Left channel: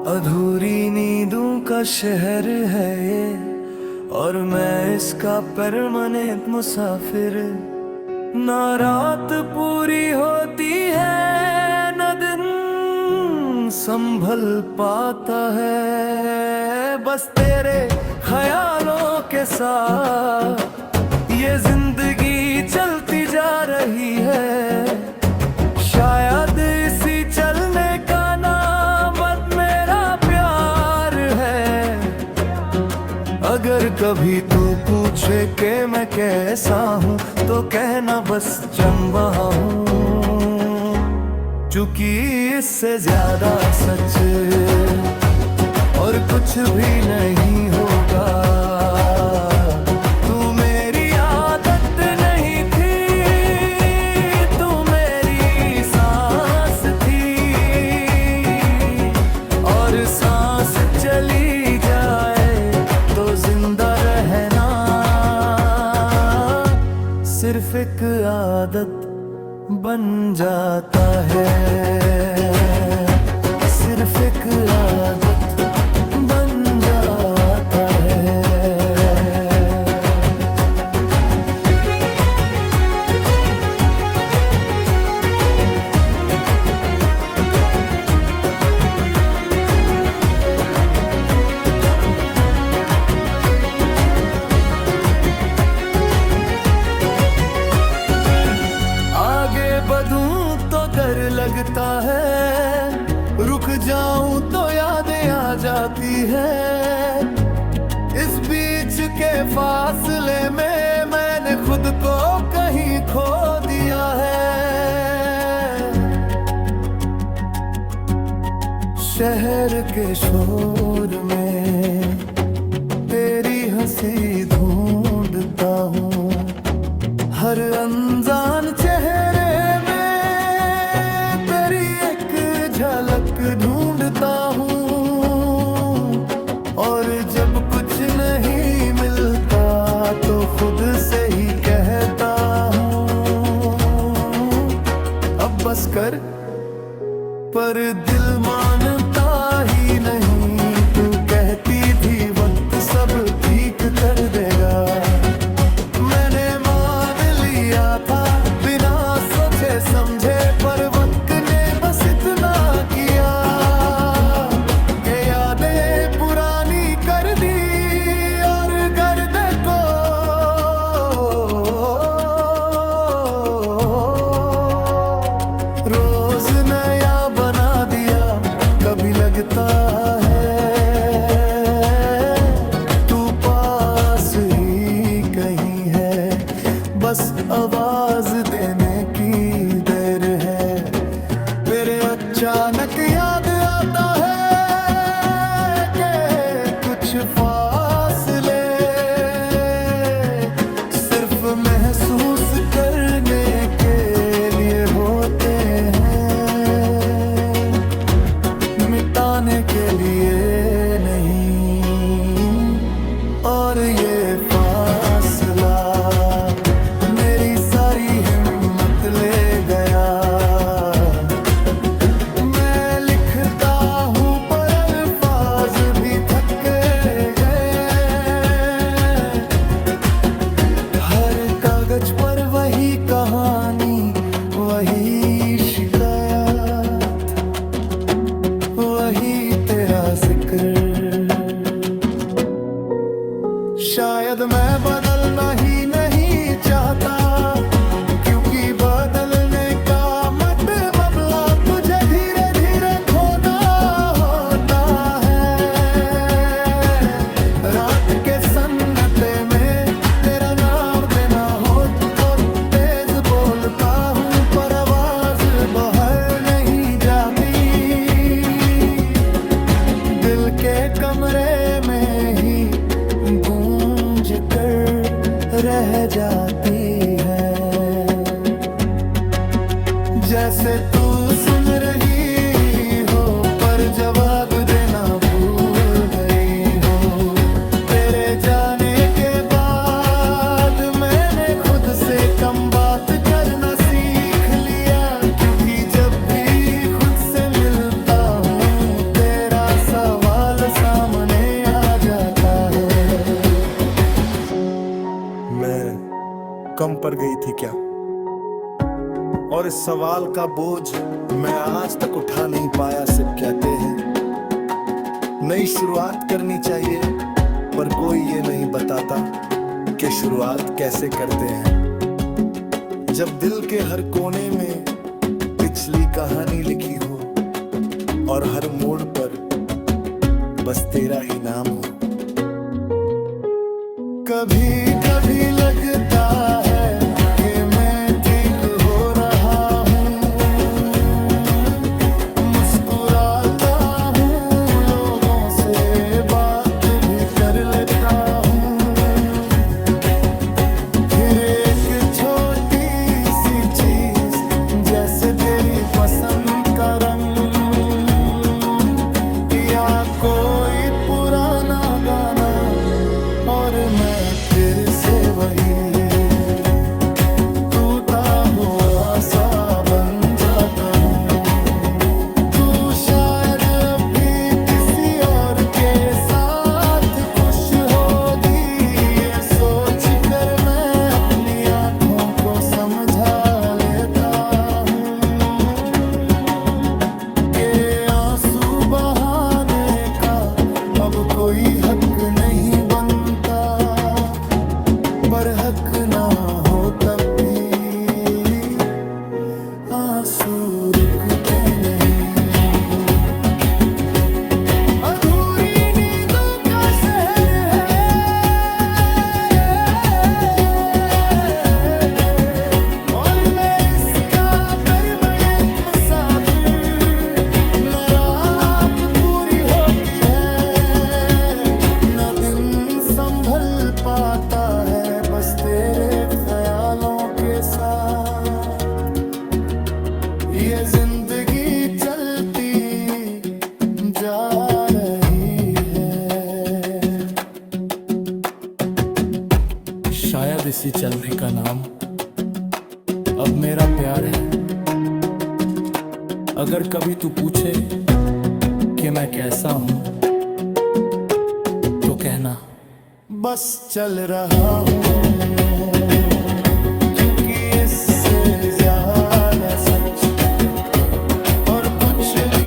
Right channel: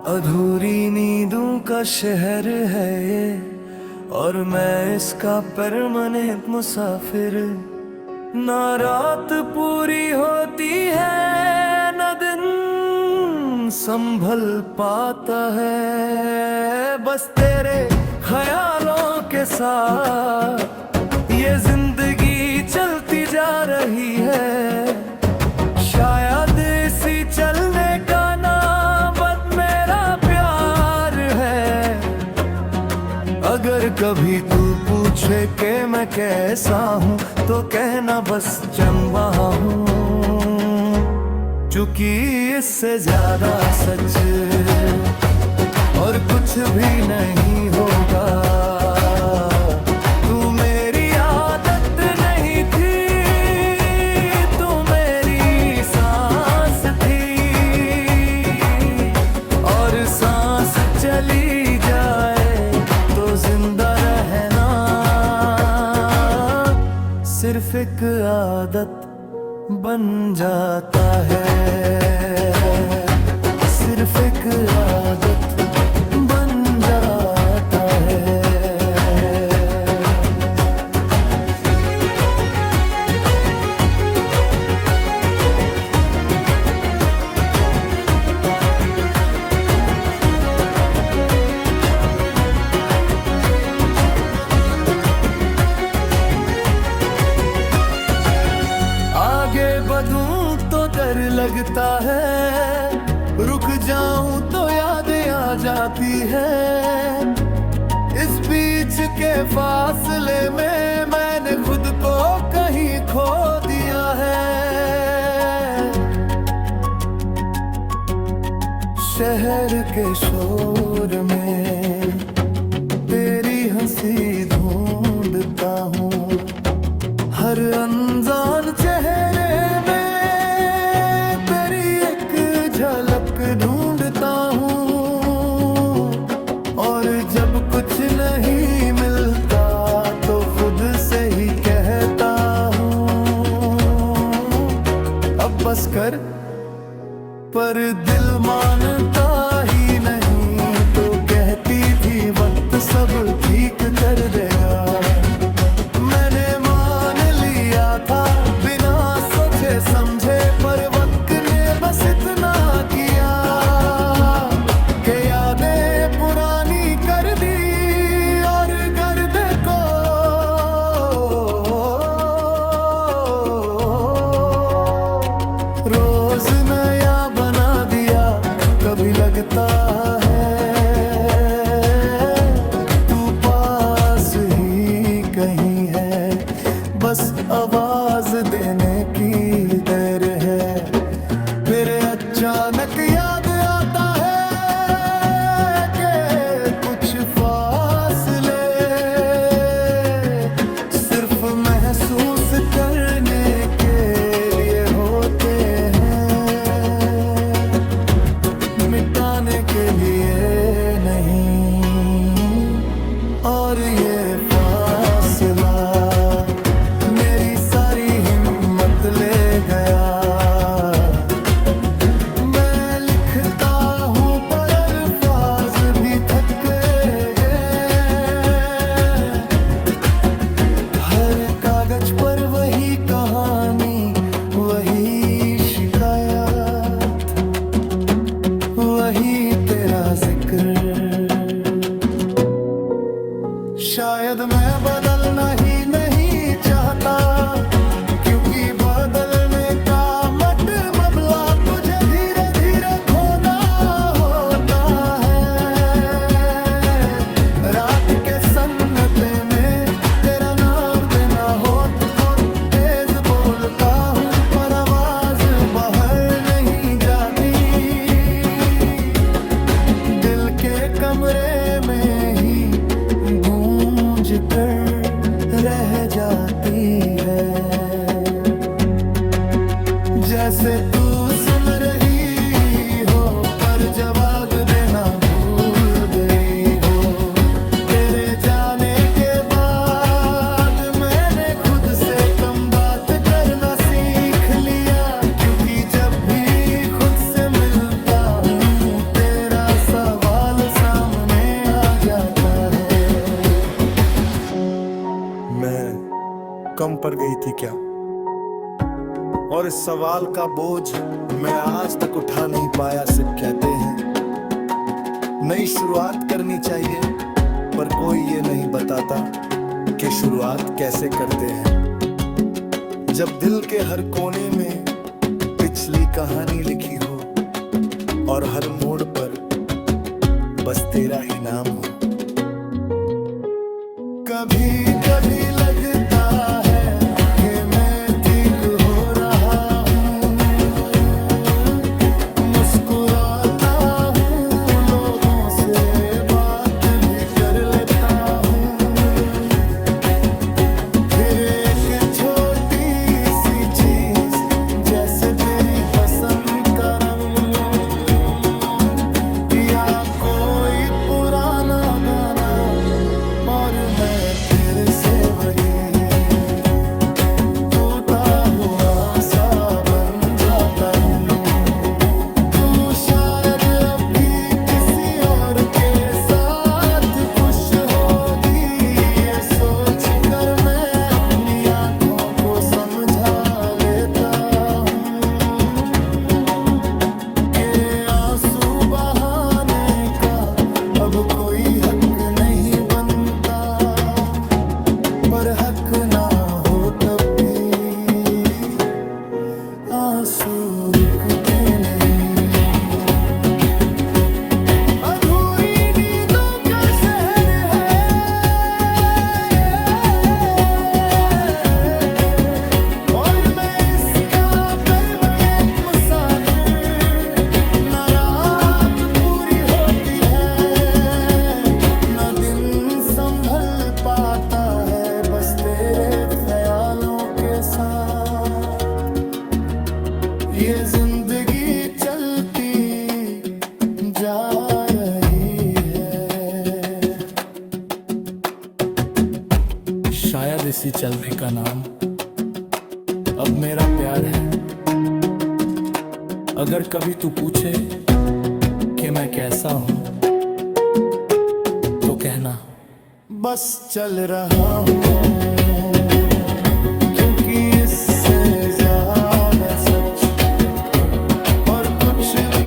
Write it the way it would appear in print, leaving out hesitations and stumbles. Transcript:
अधूरी नींदों का शहर है ये, और मैं इसका परमानेंट मुसाफिर। ना रात पूरी होती है, न दिन संभल पाता है। बस तेरे ख्यालों के साथ ये जिंदगी चलती जा रही है। शायद इसी चलने का नाम बस मेरा प्यार है। अगर कभी तू पूछे कि मैं कैसा हूँ, तो कहना बस चंबा हूँ। चूंकि इससे ज्यादा सच और कुछ भी नहीं होगा। तू मेरी आदत नहीं थी, तू मेरी सांस थी। और सांस चली जाए तो जिंदा रहना सिर्फ एक आदत बन जाता है। सिर्फ एक आदत बन जाता है। आगे बढ़ूं तो डर लगता है, रुक जाऊं तो यादें आ जाती है। इस बीच के फासले में मैंने खुद को कहीं खो दिया है। शहर के शोर में तेरी हंसी ढूंढता हूँ, हर अनजान चेहरे में तेरी एक झलक ढूंढता हूँ। और जब कुछ नहीं मिलता तो खुद से ही कहता हूँ, अब बस कर। पर दिल मानता ही नहीं, तो कहती थी वक्त सब ठीक कर देगा। मैंने था बिना सोचे समझे, पर वक्त ने बस इतना किया कि यादें पुरानी कर दी और गर्द को रोज नया बना दिया। कभी लगता है तू पास ही कहीं है, बस आवाज देने की देर है। फिर अचानक याद आता है कि कुछ फासले सिर्फ महसूस करने के लिए होते हैं, मिटाने के लिए नहीं। और ये फासला मेरी सारी हिम्मत ले गया। मैं लिखता हूँ पर अल्फाज भी थक गए। हर कागज पर वही कहानी, वही शिकायत, वही तेरा जिक्र। शायद मैं बदलना ही नहीं चाहता, क्योंकि बदलने का मतलब तुझे धीरे धीरे खोना होता है। रात के सन्नाटे में तेरा नाम देना हो तेज बोलता हूँ, पर आवाज बाहर नहीं जाती। दिल के कमरे में ही गूंज कर रह जाती है। जैसे तू सुन रही हो, पर जवाब देना भूल गई हो। तेरे जाने के बाद मैंने खुद से कम बात करना सीख लिया, क्योंकि जब भी खुद से मिलता हूँ तेरा कम पड़ गई थी क्या? और इस सवाल का बोझ मैं आज तक उठा नहीं पाया। सिर्फ कहते हैं नई शुरुआत करनी चाहिए, पर कोई ये नहीं बताता कि शुरुआत कैसे करते हैं। जब दिल के हर कोने में पिछली कहानी लिखी हो और हर मोड़ पर बस तेरा ही नाम हो। कभी कभी लगता है कि मैं ठीक हो रहा हूँ, मुस्कुराता हूँ, लोगों से बात भी कर लेता हूँ। फिर एक छोटी सी चीज जैसे तेरी पसंद का रंग या कोई पुराना गाना, और मैं फिर से वही टूटा हुआ सा बन जाता हूँ। तू शायद अब भी किसी और के साथ खुश होगी, ये सोच कर मैं अपनी आँखों को समझा लेता हूँ कि आंसू बहाने का अब कोई हक नहीं बनता। पर हक ना हो तब भी आंसू रुकते नहीं। अधूरी नींदों का शहर है और मैं इसका परमानेंट मुसाफिर। न रात पूरी होती है, न दिन संभल पाता है, बस तेरे ख्यालों के साथ ये जिंदगी चलती जा रही है। शायद इसी चलने का नाम अब मेरा प्यार है। अगर कभी तू पूछे कि मैं कैसा हूं, तो कहना बस चल रहा हूँ, क्योंकि इससे ज्यादा सच और कुछ नहीं।